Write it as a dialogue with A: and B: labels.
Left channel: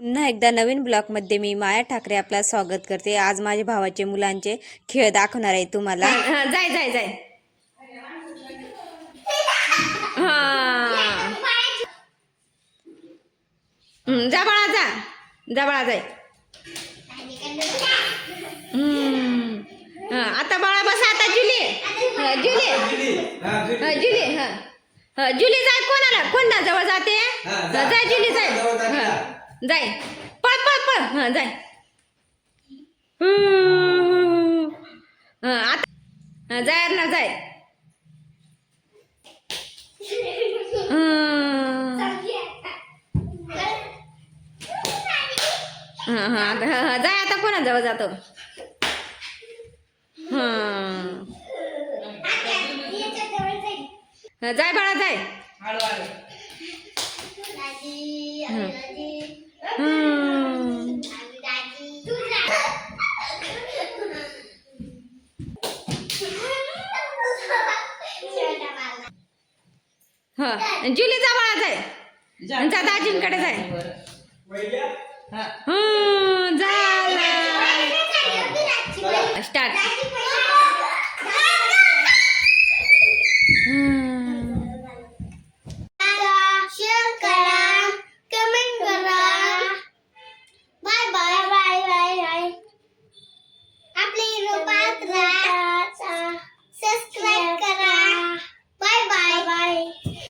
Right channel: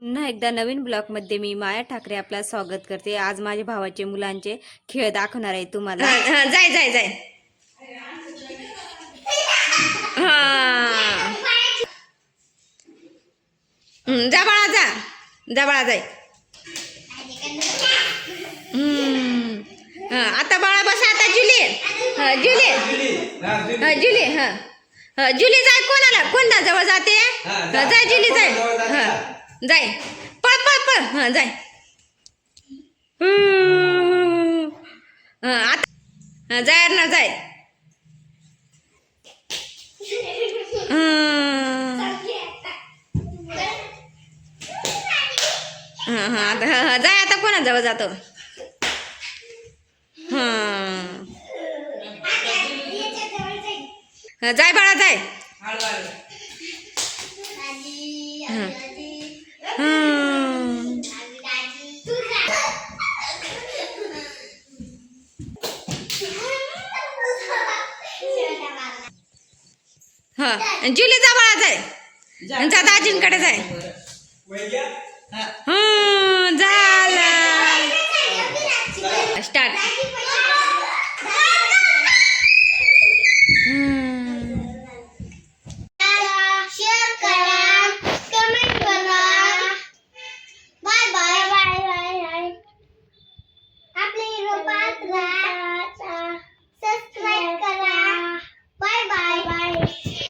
A: पुन्हा एकदा नवीन ब्लॉगमध्ये मी माया ठाकरे आपला स्वागत करते. आज माझ्या भावाचे मुलांचे खेळ दाखवणार आहे तुम्हाला.
B: हा, हा, जाय जाय जाय. हा. हम्म, जा बाळा जा. जा बाळा जाय. हम्म. हा, आता बाळा बसा आता जुली. हा, जुली. हा, जुली. हा हा, जुली जाय कोणाला? कोणा जवळ जाते? हा, जाय जुली जाय. हा. जाय. पळ पळ पळ. हां जाय. हां आता जाय ना जाय. हां आता हा, हा, जाय आता कोणाजवळ जातो? हां जाय बाळा जाय. हा. जुली जा आहे. जाय जा दाजींकडे जाय हं. झाला. स्टार्ट.